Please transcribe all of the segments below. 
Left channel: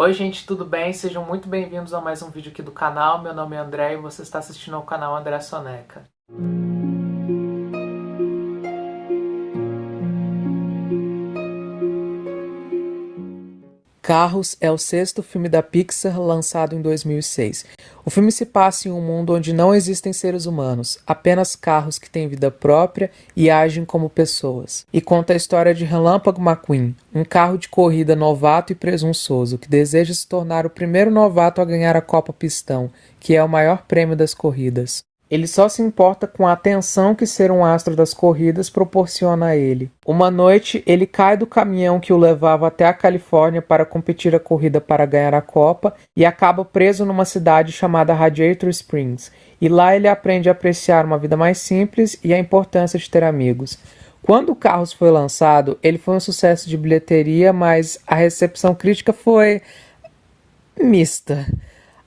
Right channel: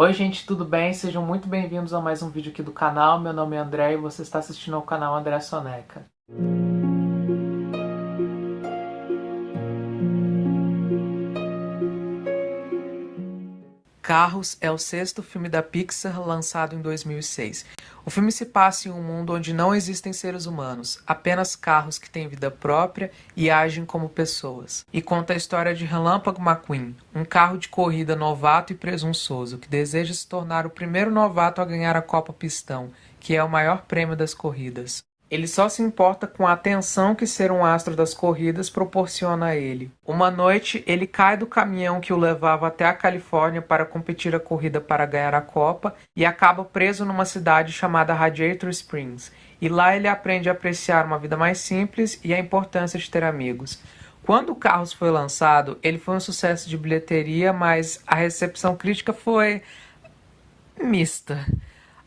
Oi gente, tudo bem? Sejam muito bem-vindos a mais um vídeo aqui do canal. Meu nome é André e você está assistindo ao canal André Soneca. Carros é o sexto filme da Pixar lançado em 2006. O filme se passa em um mundo onde não existem seres humanos, apenas carros que têm vida própria e agem como pessoas. E conta a história de Relâmpago McQueen, um carro de corrida novato e presunçoso que deseja se tornar o primeiro novato a ganhar a Copa Pistão, que é o maior prêmio das corridas. Ele só se importa com a atenção que ser um astro das corridas proporciona a ele. Uma noite, ele cai do caminhão que o levava até a Califórnia para competir a corrida para ganhar a Copa e acaba preso numa cidade chamada Radiator Springs. E lá ele aprende a apreciar uma vida mais simples e a importância de ter amigos. Quando o Carros foi lançado, ele foi um sucesso de bilheteria, mas a recepção crítica foi mista.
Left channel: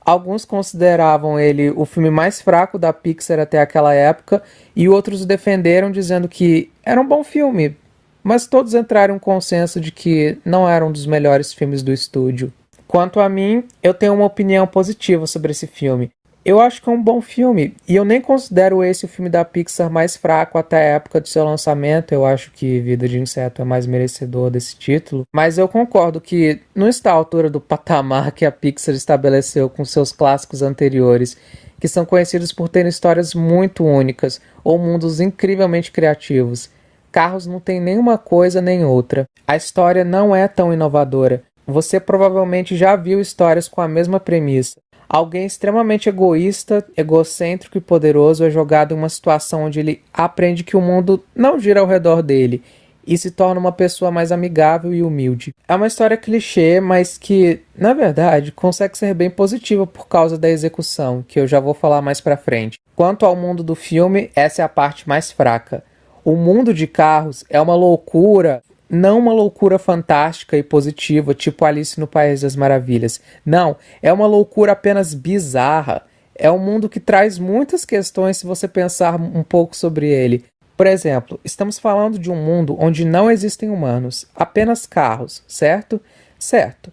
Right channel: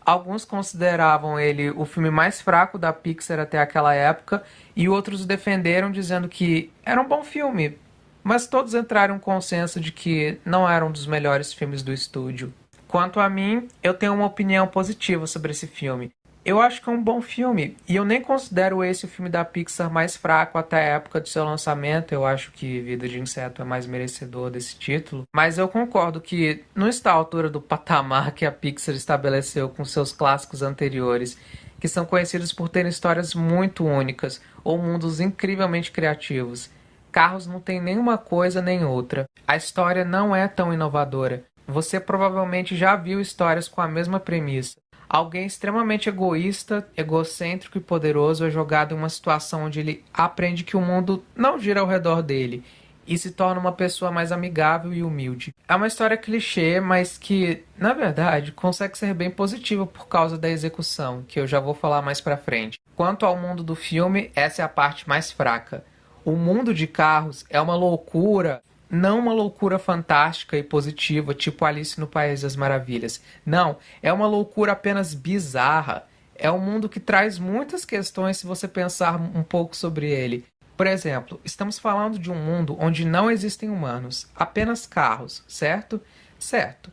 Alguns consideravam ele o filme mais fraco da Pixar até aquela época e outros o defenderam dizendo que era um bom filme, mas todos entraram em um consenso de que não era um dos melhores filmes do estúdio. Quanto a mim, eu tenho uma opinião positiva sobre esse filme. Eu acho que é um bom filme, e eu nem considero esse o filme da Pixar mais fraco até a época do seu lançamento. Eu acho que Vida de Inseto é mais merecedor desse título. Mas eu concordo que não está à altura do patamar que a Pixar estabeleceu com seus clássicos anteriores, que são conhecidos por terem histórias muito únicas, ou mundos incrivelmente criativos. Carros não tem nenhuma coisa nem outra. A história não é tão inovadora. Você provavelmente já viu histórias com a mesma premissa. Alguém extremamente egoísta, egocêntrico e poderoso é jogado em uma situação onde ele aprende que o mundo não gira ao redor dele e se torna uma pessoa mais amigável e humilde. É uma história clichê, mas que, na verdade, consegue ser bem positiva por causa da execução, que eu já vou falar mais pra frente. Quanto ao mundo do filme, essa é a parte mais fraca. O mundo de Carros é uma loucura. Não uma loucura fantástica e positiva, tipo Alice no País das Maravilhas. Não, é uma loucura apenas bizarra. É um mundo que traz muitas questões se você pensar um pouco sobre ele. Por exemplo, estamos falando de um mundo onde não existem humanos, apenas carros, certo? Certo.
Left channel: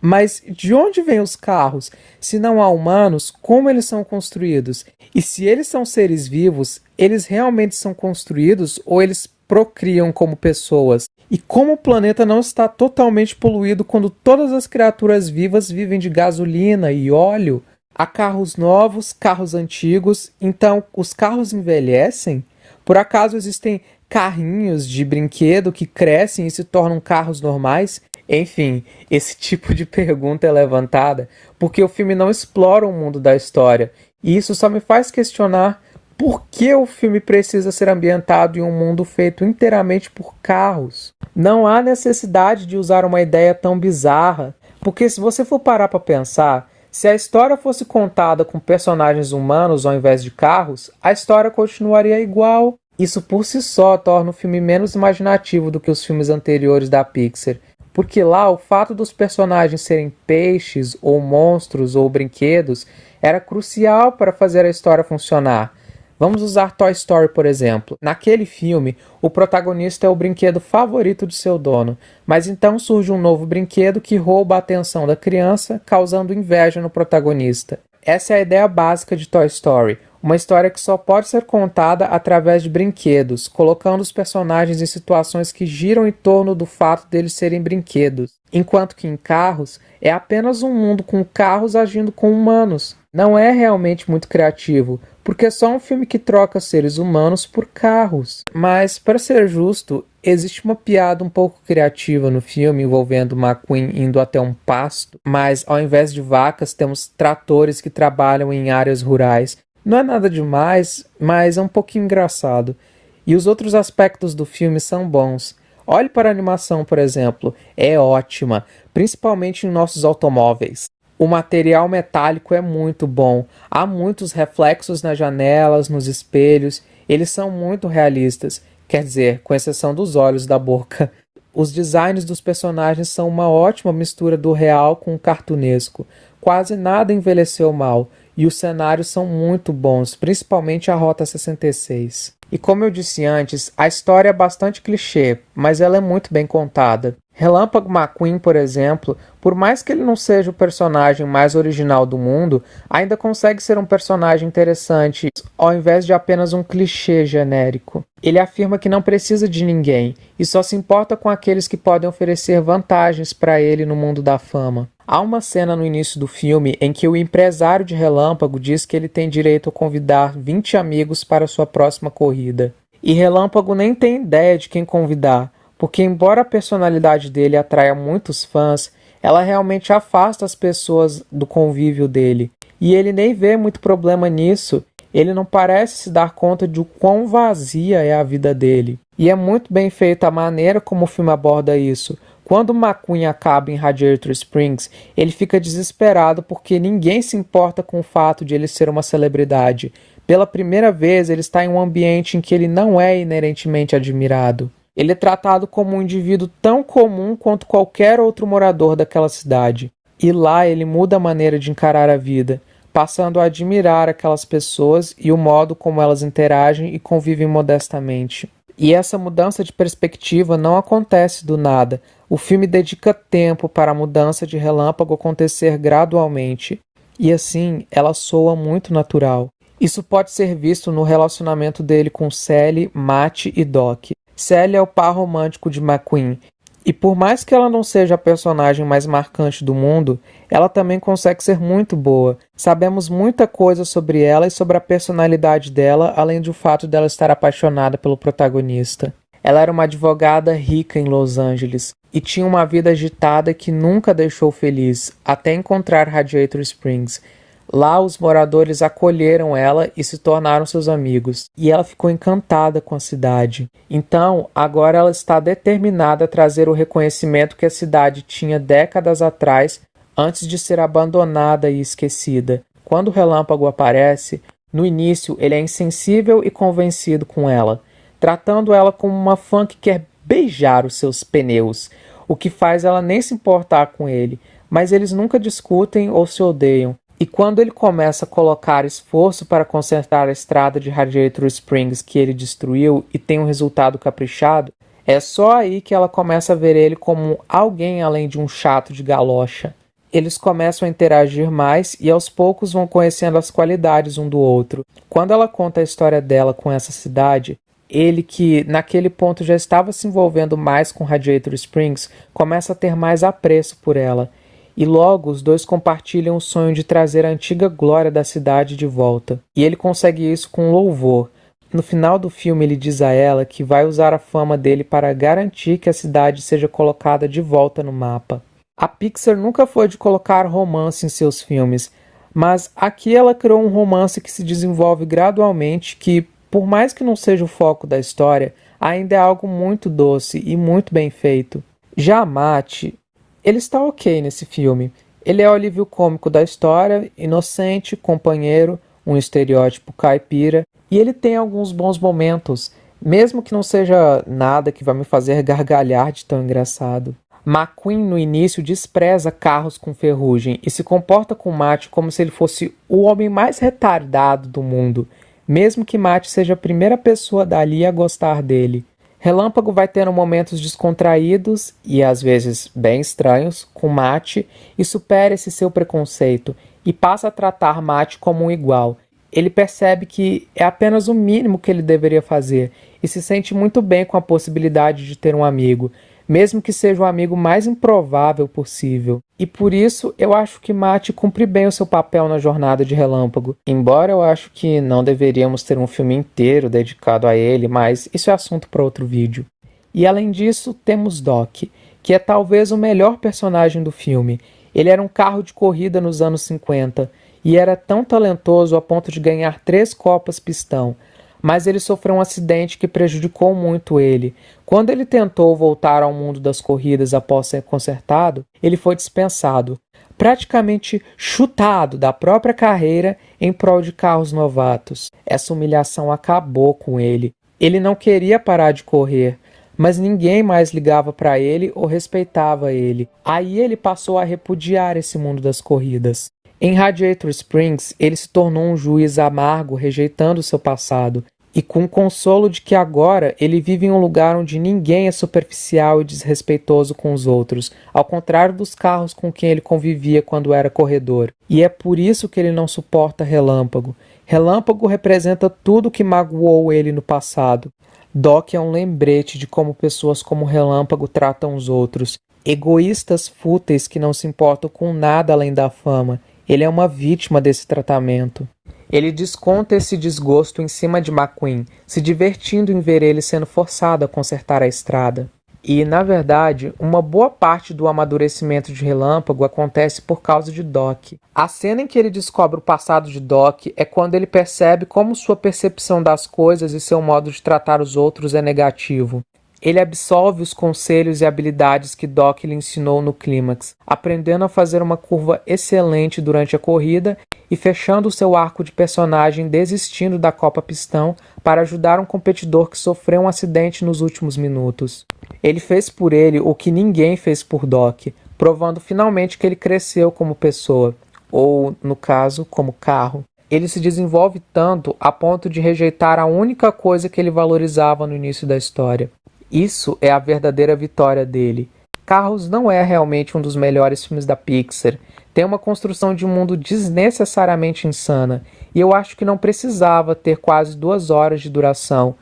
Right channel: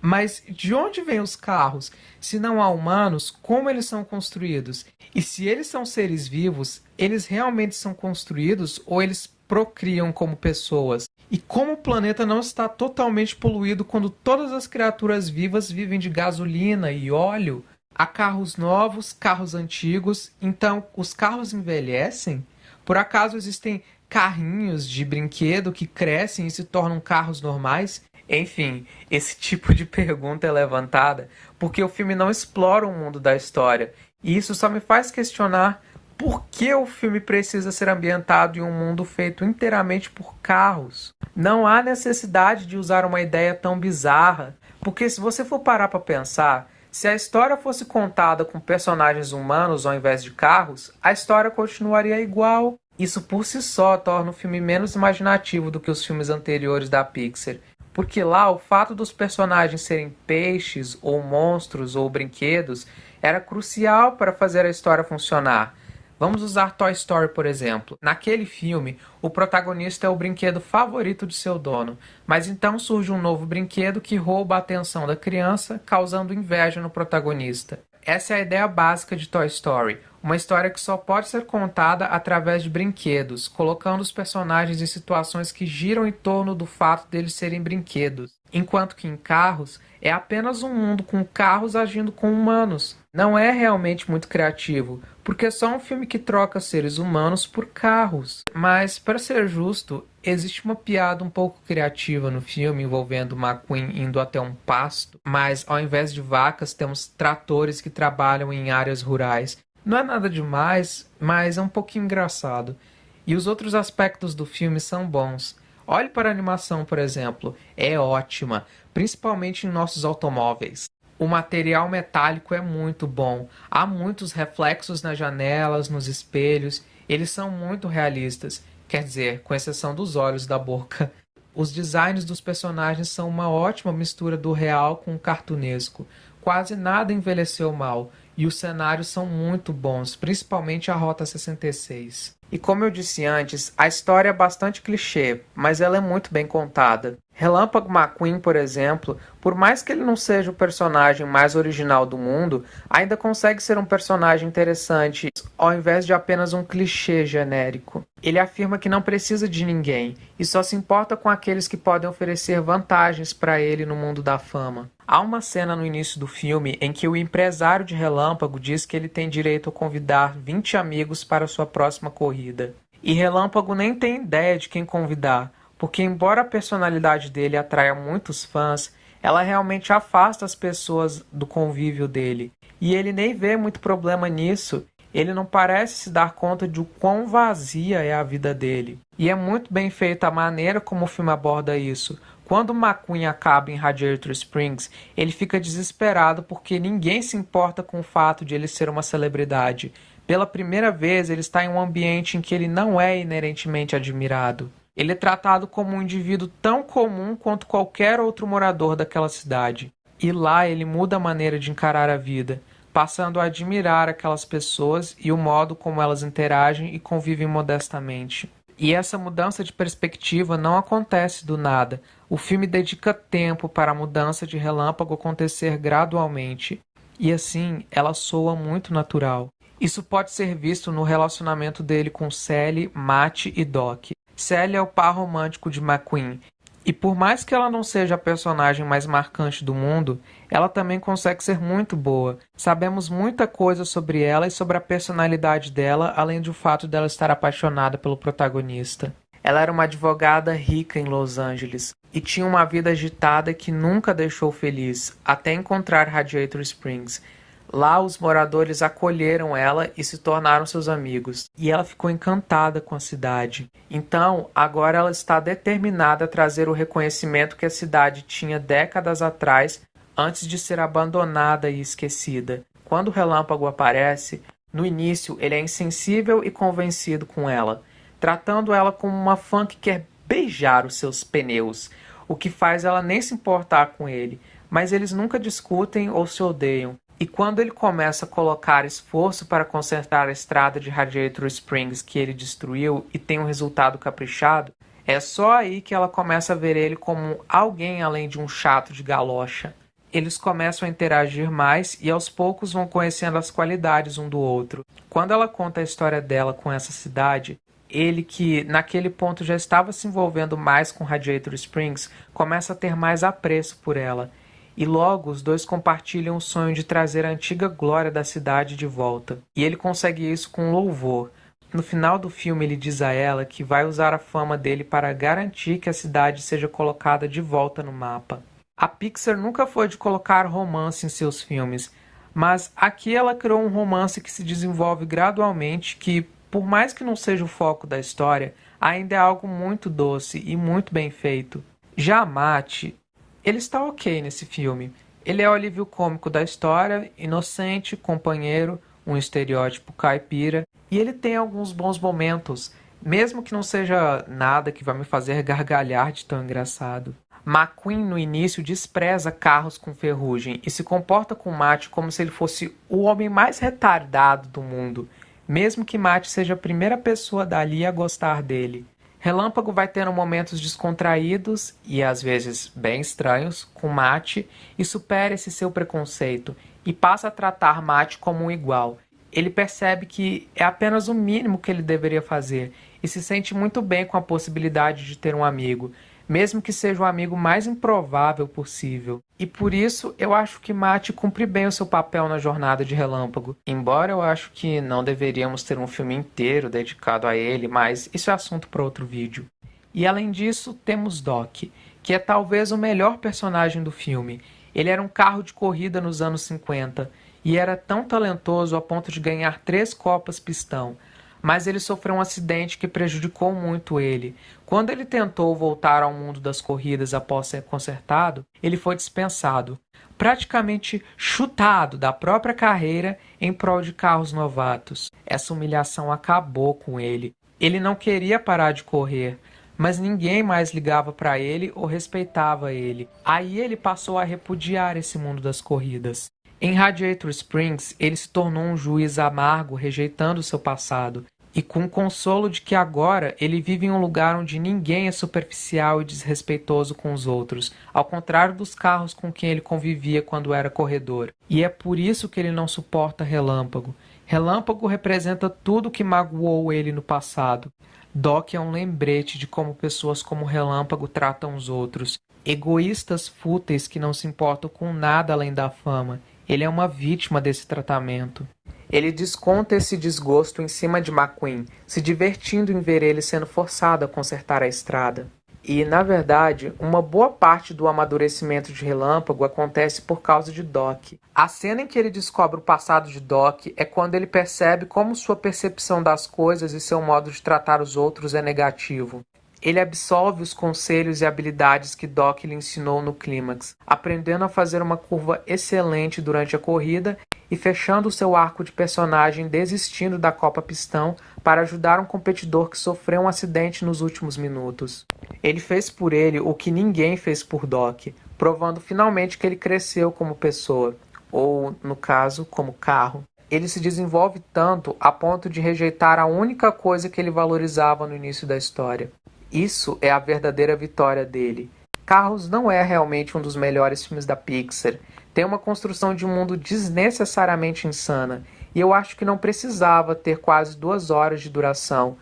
Mas de onde vêm os carros? Se não há humanos, como eles são construídos? E se eles são seres vivos, eles realmente são construídos ou eles procriam como pessoas? E como o planeta não está totalmente poluído quando todas as criaturas vivas vivem de gasolina e óleo? Há carros novos, carros antigos, então os carros envelhecem? Por acaso existem carrinhos de brinquedo que crescem e se tornam carros normais? Enfim, esse tipo de pergunta é levantada porque o filme não explora o mundo da história, e isso só me faz questionar por que o filme precisa ser ambientado em um mundo feito inteiramente por carros. Não há necessidade de usar uma ideia tão bizarra, porque se você for parar para pensar, se a história fosse contada com personagens humanos ao invés de carros, a história continuaria igual. Isso por si só torna o filme menos imaginativo do que os filmes anteriores da Pixar, porque lá o fato dos personagens serem peixes, ou monstros, ou brinquedos, era crucial para fazer a história funcionar. Vamos usar Toy Story, por exemplo. Naquele filme, o protagonista é o brinquedo favorito de seu dono, mas então surge um novo brinquedo que rouba a atenção da criança, causando inveja no protagonista. Essa é a ideia básica de Toy Story, uma história que só pode ser contada através de brinquedos, colocando os personagens em situações que giram em torno do fato deles serem brinquedos, enquanto que em Carros é apenas um mundo com carros agindo com humanos. Não é realmente muito criativo, porque é só um filme que troca seres humanos por carros. Mas, para ser justo, existe uma piada um pouco criativa no filme envolvendo McQueen indo até um pasto, mas ao invés de vacas temos tratores que trabalham em áreas rurais. Não é nada demais, mas é um pouquinho engraçado. E os outros aspectos do filme são bons. Olhe para a animação, por exemplo, é ótima, principalmente em nossos automóveis. O material metálico é muito bom. Há muitos reflexos nas janelas, nos espelhos. Eles são muito realistas. Quer dizer, com exceção dos olhos e da boca. Os designs dos personagens são uma ótima mistura do real com o cartunesco. Quase nada envelheceu mal. E os cenários são muito bons, principalmente a Rota 66. E como eu disse antes, a história é bastante clichê, mas ela é muito bem contada. Relâmpago McQueen, por exemplo, por mais que ele não seja o personagem mais original do mundo, ainda consegue ser um personagem interessante, ao invés de apenas um clichê genérico. Ele afirma que não precisa de ninguém e só se importa com aqueles que podem oferecer vantagens para ele no mundo da fama. Há uma cena no início do filme em que o empresário de Relâmpago diz que ele tem direito a convidar 20 amigos para sua próxima corrida. E Relâmpago nem tem ideia de quem convidar, porque embora a personalidade dele atraia muitos fãs, ela realmente afasta as pessoas do convívio dele. E ele nem vê muito problema nisso, ele não parece se dar conta de o quão vazia é a vida dele. E é muito bem feita a maneira como o filme aborda isso. Quando McQueen acaba em Radiator Springs, ele fica desesperado porque ninguém se importa com o fato de ele ser uma celebridade. Pela primeira vez, ele está em um ambiente em que ele não é inerentemente admirado. Ele é tratado como um indivíduo tão comum quanto qualquer outro morador daquela cidade. E lá ele muda a maneira de encarar a vida, passando a admirar aquelas pessoas e o modo como elas interagem e convivem modestamente. E essa mudança de perspectiva não acontece do nada. O filme dedica tempo para a mudança de Relâmpago acontecer gradualmente. E assim, ela soa muito natural. Isso pode ser visto no relacionamento dele com Sally, Matt e Doc. Sally é o par romântico de McQueen, e por mais que ela não seja a personagem mais marcante do mundo, ela também consegue ser muito boa. Sabemos muita coisa sobre ela e sobre a personalidade dela, além do fato dela estar apaixonada pelo protagonista. Ela era uma advogada rica em Los Angeles, e tinha uma vida agitada que nunca deixou feliz, até encontrar Radiator Springs. Lá os moradores acolheram ela e se tornaram seus amigos, e ela ficou encantada com a cidade. Então, agora ela está determinada a trazer o reconhecimento que a cidade tinha décadas atrás, antes de ser abandonada e esquecida. Quando o Relâmpago aparece, no início ele é insensível e convencido com ela, tratando ela como uma fã que quer beijar os seus pneus, o que faz ela nem se importar com ele, mas eles nunca discutem ou se odeiam. E quando ele começa a colocar esforço para consertar a estrada de Radiator Springs que ele destruiu e tem um resultado caprichado, é só aí que ela começa a ver ele como alguém além de um chato de galocha. Eles começam a interagir mais e aos poucos vão conhecendo as qualidades um do outro. Quando ela conta a história dela com essa cidade, ele que naquele ponto já estava se envolvendo mais com Radiator Springs, começa a ter mais apreço por ela. E logo os dois compartilham o sonho de trazer a antiga glória da cidade de volta. E ele consegue isso com louvor. No final do filme ele diz a ela que vai usar a fama dele para garantir que a cidade seja colocada de volta no mapa. A Pixar nunca foi de colocar romance em seus filmes, mas aqui ela criou um romance que se desenvolve gradualmente, que, por mais que não seja o foco da história, ainda é algo muito doce e muito bem feito. Já Matt, ele está ok nesse filme. Ele é o alívio cômico da história, inocente, companheiro, um estereótipo caipira, e ele tem alguns bons momentos, mesmo que não seja nada que vai me fazer gargalhar de tão engraçado. McQueen no início despreza carros com ferrugem e se comporta com Matt como se ele fosse o homem mais retardado do mundo, mesmo que Matt seja a primeira pessoa dali a gostar dele. Relâmpago vai tendo momentos descontraídos e às vezes bem estranhos com Matt e supera esse seu preconceito e passa a tratar Matt como um igual. Ele percebe que é apenas o mínimo que ele deveria fazer e se sente muito bem com a possibilidade de ter um amigo, mesmo que seja o amigo mais improvável possível. E por isso eu acho que Matt cumpre bem o seu papel na jornada de Relâmpago. Embora eu acho que não deveríamos ter um filme inteiro dedicado a ele, mas isso é assunto para outro vídeo. E além disso, temos Doc, que é talvez o melhor personagem do filme. Ele era um carro de corrida nos anos 50 e era tão talentoso a ponto de ganhar 3 Copas Pistão. Mas ele sofreu um acidente que prejudicou muito ele. Quando ele tentou voltar ao mundo das corridas após ser consertado, ele foi dispensado, praticamente chutado da própria carreira em prol de carros novatos. Essa humilhação acabou com ele. Ele não queria parar de correr, mas ninguém mais ligava para ele ou respeitava ele. Aí ele passou a repudiar esse mundo das corridas. Em Radiator Springs, ele se tornou um juiz amargo, rejeitando seu passado. e com o consolo de que agora ele vive em um lugar onde ninguém é superficial e desrespeitoso com os outros, ao contrário dos carros com quem ele convivia quando era corredor. E é por isso que ele não suporta Relâmpago. Relâmpago representa tudo que magoou ele no passado. Doc é um lembrete de como pessoas como Relâmpago tratam os outros. Egoístas fúteis que não se importam com nada além da fama. Ele é uma vítima desse tratamento. Ele desconta esse desgosto em cima de McQueen, se divertindo em ver ele sendo forçado a consertar a estrada. E, na verdade, uma boa parte do amadurecimento de Relâmpago acontece por causa de Doc. A cena em que ele descobre o passado de Doc é quando ele percebe como sua percepção das coisas e seu modo de tratar os outros é negativo. Ele absolve os conselhos e habilidades que Doc lhe ensinou no clímax, aprendendo a fazer uma curva excelente durante a corrida e fechando seu arco de personagem desistindo da Copa Pistão para ajudar um competidor que sofreu um acidente nos últimos minutos. Ele fez por ele o que ninguém fez por Doc, provando finalmente que ele cresceu como pessoa, ou, no caso, como carro. Ele se desenvolve tanto a ponto de rejeitar a única coisa que ele valorizava no início da história. Isso é a verdadeira vitória dele. Carros não é realmente um dos melhores filmes da Pixar. Tem uma construção de um mundo desnecessariamente insana, e eu acho que não precisava ter quase 2 horas de duração,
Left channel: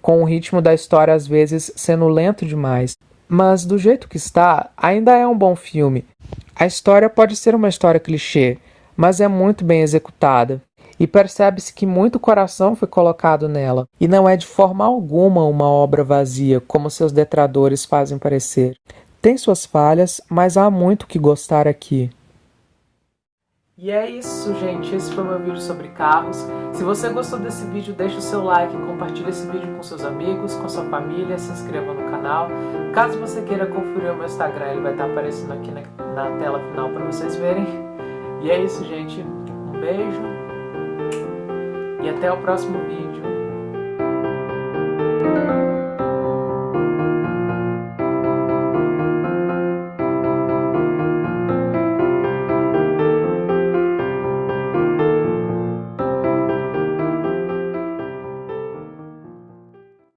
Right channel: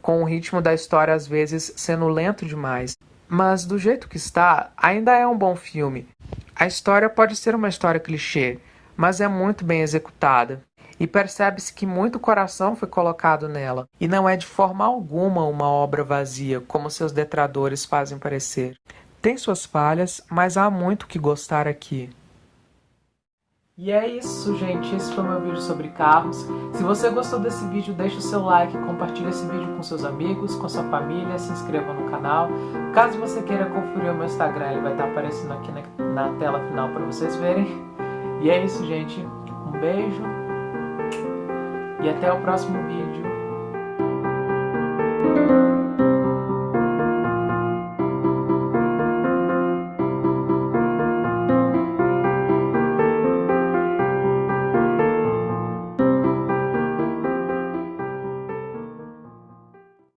com o ritmo da história às vezes sendo lento demais. Mas do jeito que está, ainda é um bom filme. A história pode ser uma história clichê, mas é muito bem executada. E percebe-se que muito coração foi colocado nela, e não é de forma alguma uma obra vazia, como seus detratores fazem parecer. Tem suas falhas, mas há muito que gostar aqui. E é isso, gente. Esse foi o meu vídeo sobre carros. Se você gostou desse vídeo, deixa o seu like, compartilha esse vídeo com seus amigos, com sua família, se inscreva no canal. Caso você queira conferir o meu Instagram, ele vai estar aparecendo aqui na tela final para vocês verem. E é isso, gente. Um beijo e até o próximo vídeo.